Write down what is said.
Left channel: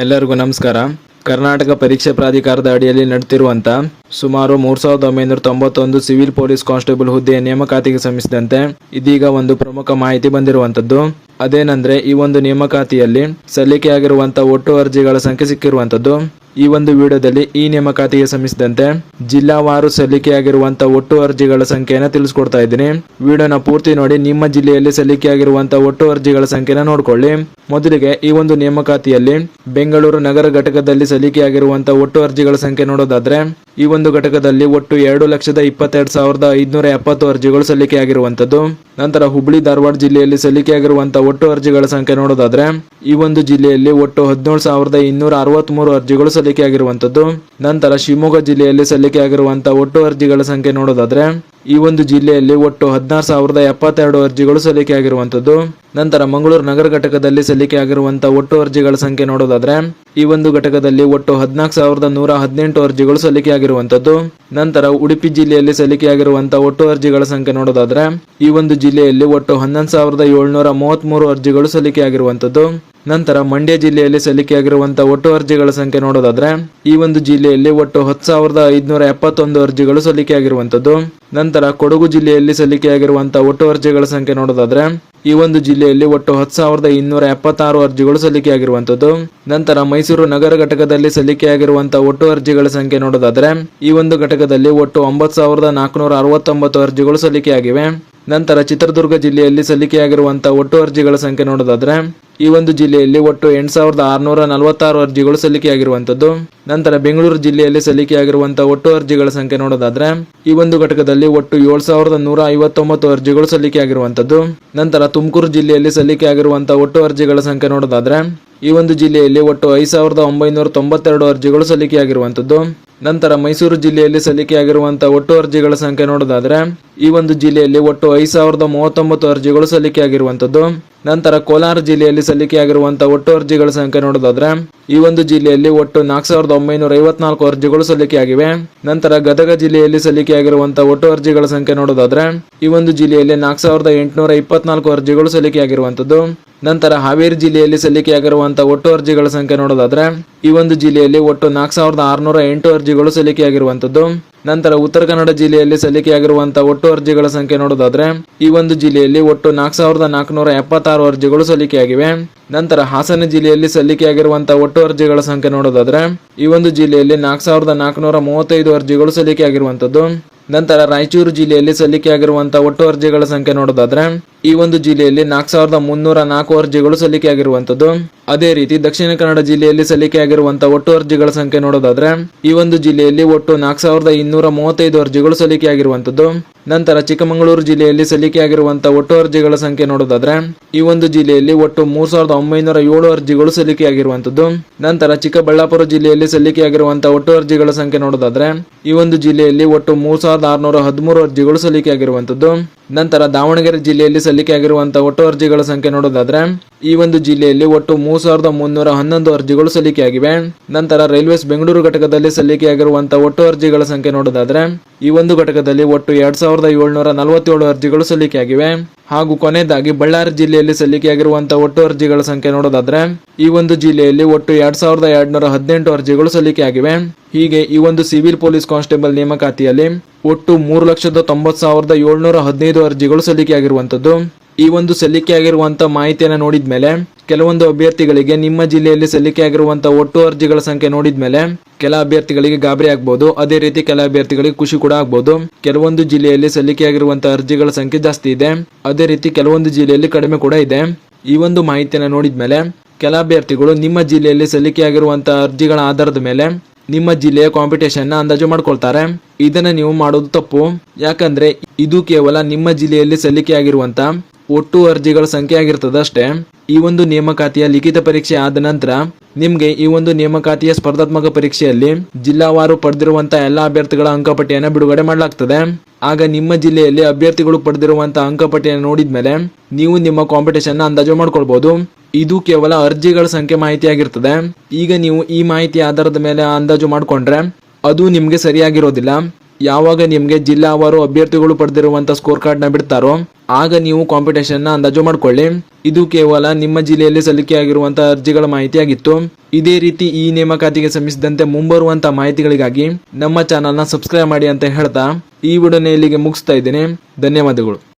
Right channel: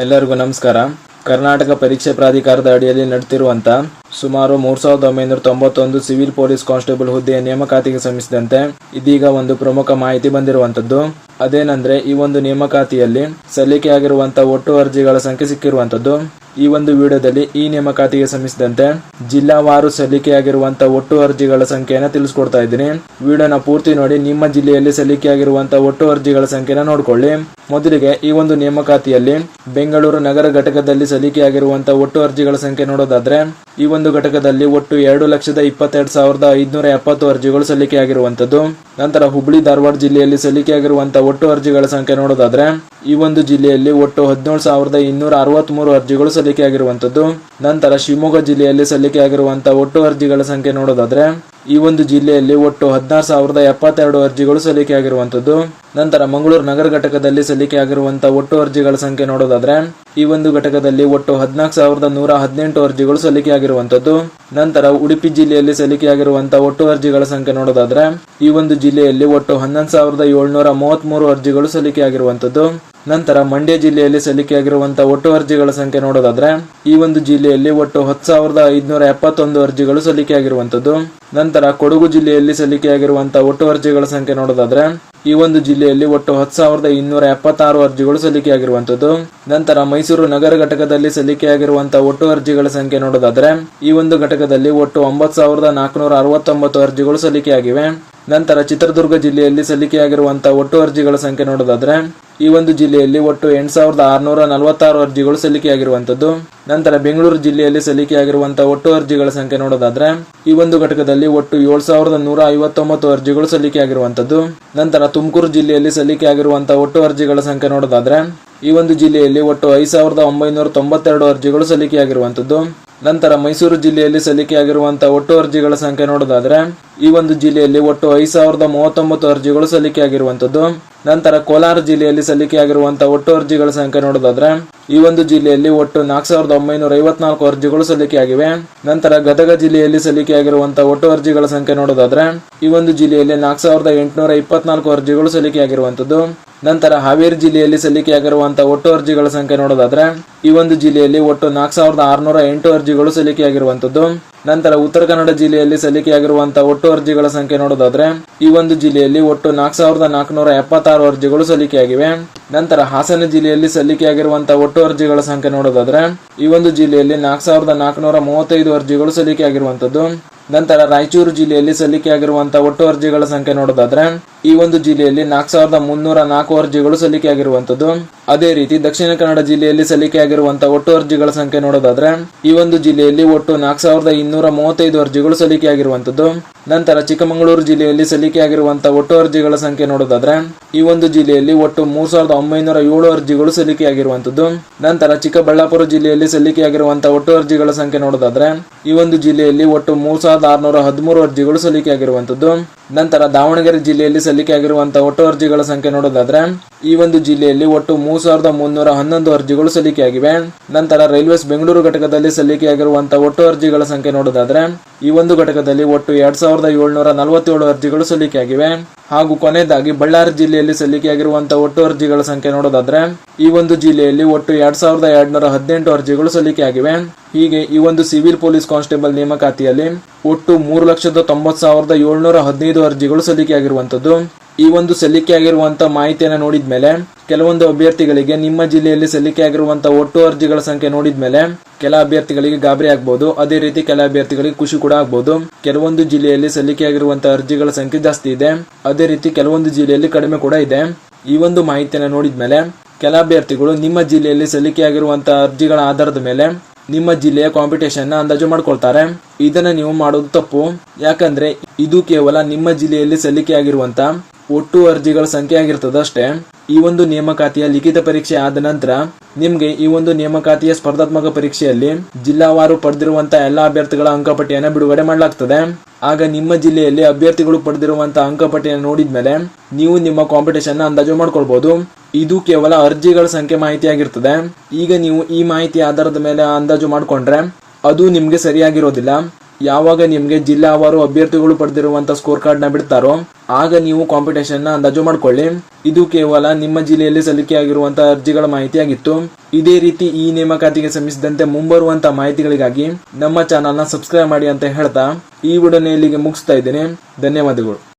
ಎಲ್ಲರಿಗೂ ನಮಸ್ಕಾರ. ಕರ್ನಾಟಕ ಪರೀಕ್ಷೆ ಪ್ರಾಧಿಕಾರದ ಅಡಿಯಲ್ಲಿ ನಡೆದಿರುವಂಥ ಸುಮಾರು 3991 ಸಿವಿಲ್ ಪೊಲೀಸ್ ಕಾನ್ಸ್ಟೇಬಲ್ ಹುದ್ದೆಯ ನೇಮಕಾತಿಗೆ ಸಂಬಂಧಿಸಿದಂತೆ ಇದೀಗ ಒಂದು ಪ್ರಮುಖ ಮಾಹಿತಿ ಬಂದಿರುವಂಥದ್ದು. ಅದೇನೆಂದರೆ, ಈ ಒಂದು ನೇಮಕಾತಿಯಲ್ಲಿ ಸಲ್ಲಿಕೆಯಾಗಿರುವಂಥ ಒಟ್ಟು ಅರ್ಜಿಗಳ ಸಂಖ್ಯೆ ಸಿಕ್ಕಿರುವಂಥದ್ದು. ಈ ಒಂದು ವಿಡಿಯೋದಲ್ಲಿ ಈ ನೇಮಕಾತಿಗೆ ಸಂಬಂಧಿಸಿದಂತೆ ಜಿಲ್ಲಾವಾರು ಸಲ್ಲಿಕೆಯಾಗಿರುವಂಥ ಒಟ್ಟು ಅರ್ಜಿಗಳ ಸಂಖ್ಯೆಯನ್ನು ತಿಳಿಸ್ಕೊಡ್ತಾ ಇದ್ದೀನಿ. ವಿಡಿಯೋನ ಪೂರ್ತಿ ನೋಡಿ ನಿಮ್ಮ ಜಿಲ್ಲೆಯಲ್ಲಿ ಸಲ್ಲಿಕೆಯಾಗಿರುವಂಥ ಒಟ್ಟು ಅರ್ಜಿಗಳ ಸಂಖ್ಯೆನ ನೋಡ್ಕೊಳ್ಳಿ. ಮೊದಲಿಗೆ ಈ ಒಂದು ನೇಮಕಾತಿಯಲ್ಲಿ ಬೆಂಗಳೂರು ನಗರ ಘಟಕದಲ್ಲಿ ಸಲ್ಲಿಕೆಯಾಗಿರುವಂಥ ಒಟ್ಟು ಅರ್ಜಿಗಳ ಸಂಖ್ಯೆ ನೋಡೋದಾದ್ರೆ, ಈ ಒಂದು ಘಟಕದಲ್ಲಿ ಒಟ್ಟು 2,22,570 ಅರ್ಜಿಗಳು ಸಲ್ಲಿಕೆಯಾಗಿರುವಂಥದ್ದು. ನಂತರ ಹುಬ್ಬಳ್ಳಿ ಧಾರವಾಡ ಜಿಲ್ಲೆಯಲ್ಲಿ ಸಲ್ಲಿಕೆಯಾಗಿರುವಂಥ ಒಟ್ಟು ಅರ್ಜಿಗಳ ಸಂಖ್ಯೆ ನೋಡೋದಾದ್ರೆ, ಈ ಒಂದು ಜಿಲ್ಲೆಯಲ್ಲಿ ಒಟ್ಟು 17,263 ಅರ್ಜಿಗಳು ಸಲ್ಲಿಕೆಯಾಗಿರುವಂಥದ್ದು. ನಂತರ ಶಿವಮೊಗ್ಗ ಜಿಲ್ಲೆಯಲ್ಲಿ ಸಲ್ಲಿಕೆಯಾಗಿರುವಂಥ ಒಟ್ಟು ಅರ್ಜಿಗಳ ಸಂಖ್ಯೆ ನೋಡೋದಾದ್ರೆ, ಈ ಒಂದು ಜಿಲ್ಲೆಯಲ್ಲಿ ಒಟ್ಟು 16,072 ಅರ್ಜಿಗಳು ಸಲ್ಲಿಕೆಯಾಗಿರುವಂಥದ್ದು. ನಂತರ ಮಂಗಳೂರು ನಗರ ಘಟಕದಲ್ಲಿ ಸಲ್ಲಿಕೆಯಾಗಿರುವಂಥ ಒಟ್ಟು ಅರ್ಜಿಗಳ ಸಂಖ್ಯೆ ನೋಡೋದಾದ್ರೆ, ಈ ಒಂದು ಘಟಕದಲ್ಲಿ ಒಟ್ಟು 14,118 ಅರ್ಜಿಗಳು ಸಲ್ಲಿಕೆಯಾಗಿರುವಂಥದ್ದು. ನಂತರ ಉಡುಪಿ ಜಿಲ್ಲೆಯಲ್ಲಿ ಸಲ್ಲಿಕೆಯಾಗಿರುವಂಥ ಒಟ್ಟು ಅರ್ಜಿಗಳ ಸಂಖ್ಯೆ ನೋಡೋದಾದ್ರೆ, ಈ ಒಂದು ಜಿಲ್ಲೆಯಲ್ಲಿ ಒಟ್ಟು 11,733 ಅರ್ಜಿಗಳು ಸಲ್ಲಿಕೆಯಾಗಿರುವಂಥದ್ದು. ನಂತರ ಮಂಡ್ಯ ಜಿಲ್ಲೆಯಲ್ಲಿ ಸಲ್ಲಿಕೆಯಾಗಿರುವಂಥ ಒಟ್ಟು ಅರ್ಜಿಗಳ ಸಂಖ್ಯೆ ನೋಡೋದಾದ್ರೆ, ಈ ಒಂದು ಜಿಲ್ಲೆಯಲ್ಲಿ ಒಟ್ಟು 10,571 ಅರ್ಜಿಗಳು ಸಲ್ಲಿಕೆಯಾಗಿರುವಂಥದ್ದು. ನಂತರ ಕೊಡಗು ಜಿಲ್ಲೆಯಲ್ಲಿ ಸಲ್ಲಿಕೆಯಾಗಿರುವಂಥ ಒಟ್ಟು ಅರ್ಜಿಗಳ ಸಂಖ್ಯೆ ನೋಡೋದಾದ್ರೆ, ಈ ಒಂದು ಜಿಲ್ಲೆಯಲ್ಲಿ ಒಟ್ಟು 10,276 ಅರ್ಜಿಗಳು ಸಲ್ಲಿಕೆಯಾಗಿರುವಂಥದ್ದು. ನಂತರ ಮೈಸೂರು ನಗರ ಘಟಕದಲ್ಲಿ ಸಲ್ಲಿಕೆಯಾಗಿರುವಂಥ ಒಟ್ಟು ಅರ್ಜಿಗಳ ಸಂಖ್ಯೆ ನೋಡೋದಾದ್ರೆ, ಈ ಒಂದು ಘಟಕದಲ್ಲಿ ಒಟ್ಟು 9,469 ಅರ್ಜಿಗಳು ಸಲ್ಲಿಕೆಯಾಗಿವೆ. ನಂತರ ಚಿತ್ರದುರ್ಗ ಜಿಲ್ಲೆಯಲ್ಲಿ ಸಲ್ಲಿಕೆಯಾಗಿರುವಂಥ ಒಟ್ಟು ಅರ್ಜಿಗಳ ಸಂಖ್ಯೆ ನೋಡೋದಾದ್ರೆ, ಈ ಒಂದು ಜಿಲ್ಲೆಯಲ್ಲಿ ಒಟ್ಟು 8,646 ಅರ್ಜಿಗಳು ಸಲ್ಲಿಕೆಯಾಗಿರುವಂಥದ್ದು. ನಂತರ ಬೆಂಗಳೂರು ಜಿಲ್ಲೆಯಲ್ಲಿ ಸಲ್ಲಿಕೆಯಾಗಿರುವಂಥ ಒಟ್ಟು ಅರ್ಜಿಗಳ ಸಂಖ್ಯೆ ನೋಡೋದಾದ್ರೆ, ಈ ಒಂದು ಘಟಕದಲ್ಲಿ ಒಟ್ಟು 7,159 ಅರ್ಜಿಗಳು ಸಲ್ಲಿಕೆಯಾಗಿರುವಂಥದ್ದು. ನಂತರ ತುಮಕೂರು ಜಿಲ್ಲೆಯಲ್ಲಿ ಸಲ್ಲಿಕೆಯಾಗಿರುವಂಥ ಒಟ್ಟು ಅರ್ಜಿಗಳ ಸಂಖ್ಯೆ ನೋಡೋದಾದ್ರೆ, ಈ ಒಂದು ಜಿಲ್ಲೆಯಲ್ಲಿ ಒಟ್ಟು 5,992 ಅರ್ಜಿಗಳು ಸಲ್ಲಿಕೆಯಾಗಿರುವಂಥದ್ದು. ನಂತರ ಮೈಸೂರು ಜಿಲ್ಲೆಯಲ್ಲಿ ಸಲ್ಲಿಕೆಯಾಗಿರುವಂಥ ಒಟ್ಟು ಅರ್ಜಿಗಳ ಸಂಖ್ಯೆ ನೋಡೋದಾದ್ರೆ, ಈ ಒಂದು ಜಿಲ್ಲೆಯಲ್ಲಿ ಒಟ್ಟು 5,039 ಅರ್ಜಿಗಳು ಸಲ್ಲಿಕೆಯಾಗಿರುವಂಥದ್ದು. ನಂತರ ಕೋಲಾರ ಜಿಲ್ಲೆಯಲ್ಲಿ ಸಲ್ಲಿಕೆಯಾಗಿರುವಂಥ ಒಟ್ಟು ಅರ್ಜಿಗಳ ಸಂಖ್ಯೆ ನೋಡೋದಾದ್ರೆ, ಈ ಒಂದು ಜಿಲ್ಲೆಯಲ್ಲಿ ಒಟ್ಟು 4,954 ಅರ್ಜಿಗಳು ಸಲ್ಲಿಕೆಯಾಗಿವೆ. ನಂತರ ಗದಗ ಜಿಲ್ಲೆಯಲ್ಲಿ ಸಲ್ಲಿಕೆಯಾಗಿರುವಂಥ ಒಟ್ಟು ಅರ್ಜಿಗಳ ಸಂಖ್ಯೆ ನೋಡೋದಾದ್ರೆ, ಈ ಒಂದು ಜಿಲ್ಲೆಯಲ್ಲಿ 4,824 ಅರ್ಜಿಗಳು ಸಲ್ಲಿಕೆಯಾಗಿರುವಂಥದ್ದು. ನಂತರ ಹಾವೇರಿ ಜಿಲ್ಲೆಯಲ್ಲಿ ಸಲ್ಲಿಕೆಯಾಗಿರುವಂಥ ಒಟ್ಟು ಅರ್ಜಿಗಳ ಸಂಖ್ಯೆ ನೋಡೋದಾದ್ರೆ, ಈ ಒಂದು ಜಿಲ್ಲೆಯಲ್ಲಿ ಒಟ್ಟು 4,608 ಅರ್ಜಿಗಳು ಸಲ್ಲಿಕೆಯಾಗಿರುವಂಥದ್ದು. ನಂತರ ಉತ್ತರ ಕನ್ನಡ ಜಿಲ್ಲೆಯಲ್ಲಿ ಸಲ್ಲಿಕೆಯಾಗಿರುವಂಥ ಒಟ್ಟು ಅರ್ಜಿಗಳ ಸಂಖ್ಯೆ ನೋಡೋದಾದ್ರೆ, ಈ ಒಂದು ಜಿಲ್ಲೆಯಲ್ಲಿ ಒಟ್ಟು 4,476 ಅರ್ಜಿಗಳು ಸಲ್ಲಿಕೆಯಾಗಿವೆ. ನಂತರ ಹಾಸನ ಜಿಲ್ಲೆಯಲ್ಲಿ ಸಲ್ಲಿಕೆಯಾಗಿರುವಂಥ ಒಟ್ಟು ಅರ್ಜಿಗಳ ಸಂಖ್ಯೆ ನೋಡೋದಾದ್ರೆ, ಈ ಒಂದು ಜಿಲ್ಲೆಯಲ್ಲಿ 4,435 ಅರ್ಜಿಗಳು ಸಲ್ಲಿಕೆಯಾಗಿರುವಂಥದ್ದು. ನಂತರ ರಾಯಚೂರು ಜಿಲ್ಲೆಯಲ್ಲಿ ಸಲ್ಲಿಕೆಯಾಗಿರುವಂಥ ಒಟ್ಟು ಅರ್ಜಿಗಳ ಸಂಖ್ಯೆ ನೋಡೋದಾದ್ರೆ, ಈ ಒಂದು ಜಿಲ್ಲೆಯಲ್ಲಿ 4,304 ಅರ್ಜಿಗಳು ಸಲ್ಲಿಕೆಯಾಗಿರುವಂಥದ್ದು. ಅದೇ ರೀತಿ ದಕ್ಷಿಣ ಕನ್ನಡ ಜಿಲ್ಲೆಯಲ್ಲಿ ಸಲ್ಲಿಕೆಯಾಗಿರುವಂಥ ಒಟ್ಟು ಅರ್ಜಿಗಳ ಸಂಖ್ಯೆ ನೋಡೋದಾದ್ರೆ, ಈ ಒಂದು ಜಿಲ್ಲೆಯಲ್ಲಿ ಒಟ್ಟು 4,235 ಅರ್ಜಿಗಳು ಸಲ್ಲಿಕೆಯಾಗಿರುವಂಥದ್ದು. ನಂತರ ಚಿಕ್ಕಮಗಳೂರು ಜಿಲ್ಲೆಯಲ್ಲಿ ಸಲ್ಲಿಕೆಯಾಗಿರುವಂಥ ಒಟ್ಟು ಅರ್ಜಿಗಳ ಸಂಖ್ಯೆ ನೋಡೋದಾದ್ರೆ, ಈ ಒಂದು ಜಿಲ್ಲೆಯಲ್ಲಿ ಒಟ್ಟು 3,907 ಅರ್ಜಿಗಳು ಸಲ್ಲಿಕೆಯಾಗಿರುವಂಥದ್ದು. ನಂತರ ಚಿಕ್ಕಬಳ್ಳಾಪುರ ಜಿಲ್ಲೆಯಲ್ಲಿ ಸಲ್ಲಿಕೆಯಾಗಿರುವಂಥ ಒಟ್ಟು ಅರ್ಜಿಗಳ ಸಂಖ್ಯೆ ನೋಡೋದಾದ್ರೆ, ಈ ಒಂದು ಜಿಲ್ಲೆಯಲ್ಲಿ ಒಟ್ಟು 3,613 ಅರ್ಜಿಗಳು ಸಲ್ಲಿಕೆಯಾಗಿರುವಂಥದ್ದು. ನಂತರ ದಾವಣಗೆರೆ ಜಿಲ್ಲೆಯಲ್ಲಿ ಸಲ್ಲಿಕೆಯಾಗಿರುವಂಥ ಒಟ್ಟು ಅರ್ಜಿಗಳ ಸಂಖ್ಯೆ ನೋಡೋದಾದ್ರೆ, ಈ ಒಂದು ಜಿಲ್ಲೆಯಲ್ಲಿ ಒಟ್ಟು 3,311 ಅರ್ಜಿಗಳು ಸಲ್ಲಿಕೆಯಾಗಿವೆ. ನಂತರ ರೈಲ್ವೇಸ್ ಬೆಂಗಳೂರು ಘಟಕದಲ್ಲಿ ಸಲ್ಲಿಕೆಯಾಗಿರುವಂಥ ಒಟ್ಟು ಅರ್ಜಿಗಳ ಸಂಖ್ಯೆ ನೋಡೋದಾದ್ರೆ, ಈ ಒಂದು ಘಟಕದಲ್ಲಿ ಒಟ್ಟು 2,747 ಅರ್ಜಿಗಳು ಸಲ್ಲಿಕೆಯಾಗಿವೆ. ಹಾಗೂ ಕೊನೆಯದಾಗಿ ಬಳ್ಳಾರಿ ಜಿಲ್ಲೆಯಲ್ಲಿ ಸಲ್ಲಿಕೆಯಾಗಿರುವಂಥ ಒಟ್ಟು ಅರ್ಜಿಗಳ ಸಂಖ್ಯೆ ನೋಡೋದಾದ್ರೆ, ಈ ಒಂದು ಜಿಲ್ಲೆಯಲ್ಲಿ ಒಟ್ಟು 2,218 ಅರ್ಜಿಗಳು ಸಲ್ಲಿಕೆಯಾಗಿವೆ. ಹೀಗೆ ಈ ಒಂದು ಸಿವಿಲ್ ಪೊಲೀಸ್ ಕಾನ್ಸ್ಟೇಬಲ್ ನೇಮಕಾತಿಯಲ್ಲಿ ಒಟ್ಟು 3,90,715 ಅರ್ಜಿಗಳು ಸಲ್ಲಿಕೆಯಾಗಿರುವಂಥದ್ದು. ಈ ಒಂದು ಸಲ್ಲಿಕೆಯಾಗಿರುವಂಥ ಮಾಹಿತಿಯನ್ನು ನೋಡಿದ ಮೇಲೆ ಕೆಲವೊಂದು ಅಭ್ಯರ್ಥಿಗಳಿಗೆ ನಿಮ್ಮ ಜಿಲ್ಲೆಯಲ್ಲಿ ಸಲ್ಲಿಕೆಯಾಗಿರುವಂಥ ಒಟ್ಟು ಅರ್ಜಿಗಳ ಸಂಖ್ಯೆ ನೋಡಿದ ಮೇಲೆ ಕೆಲ ಅಭ್ಯರ್ಥಿಗಳಿಗೆ ಗಾಬರಿ ಆಗ್ಬೋದು. ಅದೇ ರೀತಿ ಕೆಲ ಅಭ್ಯರ್ಥಿಗಳಿಗೆ ಖುಷಿ ಕೂಡ ಆಗ್ಬೋದು. ಕೆಲವೊಂದು ಜಿಲ್ಲೆಯಲ್ಲಿ ಸಲ್ಲಿಕೆಯಾಗಿರುವಂಥ ಅರ್ಜಿಗಳ ಸಂಖ್ಯೆ ಜಾಸ್ತಿ ಇದೆ, ಅದೇ ರೀತಿ ಕೆಲವೊಂದು ಜಿಲ್ಲೆಯಲ್ಲಿ ಕಡಿಮೆ ಕೂಡ ಇದೆ. ಈ ಒಂದು ಮಾಹಿತಿಯನ್ನು ನೋಡಿದ ಮೇಲೆ ಕೆಲ ಅಭ್ಯರ್ಥಿಗಳು ನಿಮ್ಮ ಜಿಲ್ಲೆಯಲ್ಲಿ ಸಲ್ಲಿಕೆಯಾಗಿರುವಂಥ ಅರ್ಜಿಗಳ ಆಧಾರದ ಮೇಲೆ ನಿಮ್ಮ ಜಿಲ್ಲೆಯ ಕಾಂಪಿಟೇಷನ್ ಅಂದಾಜು ಮಾಡ್ಕೊಳ್ತಾರೆ. ಇದನ್ನ ನೀವು ಮಾಡೋದು ತಪ್ಪು. ಯಾಕಂದ್ರೆ ಇದು ಕೇವಲ ನಿಮ್ಮ ಜಿಲ್ಲೆಯಲ್ಲಿ ಸಲ್ಲಿಕೆಯಾಗಿರುವಂತ ಒಟ್ಟು ಅರ್ಜಿಗಳ ಸಂಖ್ಯೆ ಆಗಿರ್ತದೆ ಅಷ್ಟೇ. ಈ ಒಂದು ನೇಮಕಾತಿಯ ಲಿಖಿತ ಪರೀಕ್ಷೆ ಆದ ನಂತರ ನಿಮ್ಗೆ ಈ ಒಂದು ನೇಮಕಾತಿಯ ಸ್ಪರ್ಧಾತ್ಮಕ ಪರೀಕ್ಷೆಯಲ್ಲಿ ಜಿಲ್ಲಾವಾರು ಪಡೆದಿರುವಂತಹ ಎಲ್ಲಾ ಅಭ್ಯರ್ಥಿಗಳ ಅಂಕಪಟ್ಟಿಯನ್ನು ಬಿಡುಗಡೆ ಮಾಡಲಾಗ್ತದೆ. ಆಗ ನಿಮ್ಮ ಜಿಲ್ಲೆಯಲ್ಲಿ ಅಭ್ಯರ್ಥಿಗಳು ಪಡೆದಿರುವಂತಹ ಅಂಕಪಟ್ಟಿಯನ್ನು ನೋಡಿದ್ಮೇಲೆ ನೀವು ನಿಮ್ಮ ಕಾಂಪಿಟೇಷನ್ ಅಂದಾಜು ಮಾಡ್ಕೊಳ್ಬಹುದು. ಇದು ಕೇವಲ ಅರ್ಜಿಗಳ ಸಂಖ್ಯೆ ಮಾಹಿತಿ ಆಗಿರ್ತದೆ. ಈಗ ನೀವು ಈ ಮಾಹಿತಿ ಆಧಾರದ ಮೇಲೆ ಅಂದಾಜು ಮಾಡ್ಕೊಂಡ್ರೆ ಅದು ನಿಮ್ಗೆ ಸರಿಯಾಗಿರೋದಿಲ್ಲ. ಯಾವಾಗ ನಿಮ್ಗೆ ಜಿಲ್ಲಾವಾರು ಅಭ್ಯರ್ಥಿಗಳು ಪಡೆದಿರುವಂತ ಸ್ಕೋರ್ ಕಾರ್ಡ್ ನ ಬಿಡ್ತಾರೋ ಆಗ ನೀವು ಕಾಂಪಿಟೇಷನ್ ನ ಅಂದಾಜು ಮಾಡ್ಕೊಳ್ಳಿ. ಇದು ಕೇವಲ ನಿಮ್ಮ ಜಿಲ್ಲೆಯಲ್ಲಿ ಸಲ್ಲಿಕೆಯಾಗಿರುವಂತಹ ಅರ್ಜಿಗಳ ಮಾಹಿತಿಯಾಗಿತ್ತು. ಇದೇ ರೀತಿ ಈ ನೇಮಕಾತಿಗೆ ಸಂಬಂಧಿಸಿದಂತೆ ಮುಂಬರುವಂತಹ ಮಾಹಿತಿಗಳಿಗಾಗಿ ನಮ್ಮ ಚಾನಲ್ ನ ಸಬ್ಸ್ಕ್ರೈಬ್ ಮಾಡಿ ಅಂತ ಹೇಳ್ತಾ ಈ ವಿಡಿಯೋನ ಇಲ್ಲಿಗೆ ಮುಗಿಸ್ತಾ ಇದ್ದೇನೆ. ಧನ್ಯವಾದಗಳು.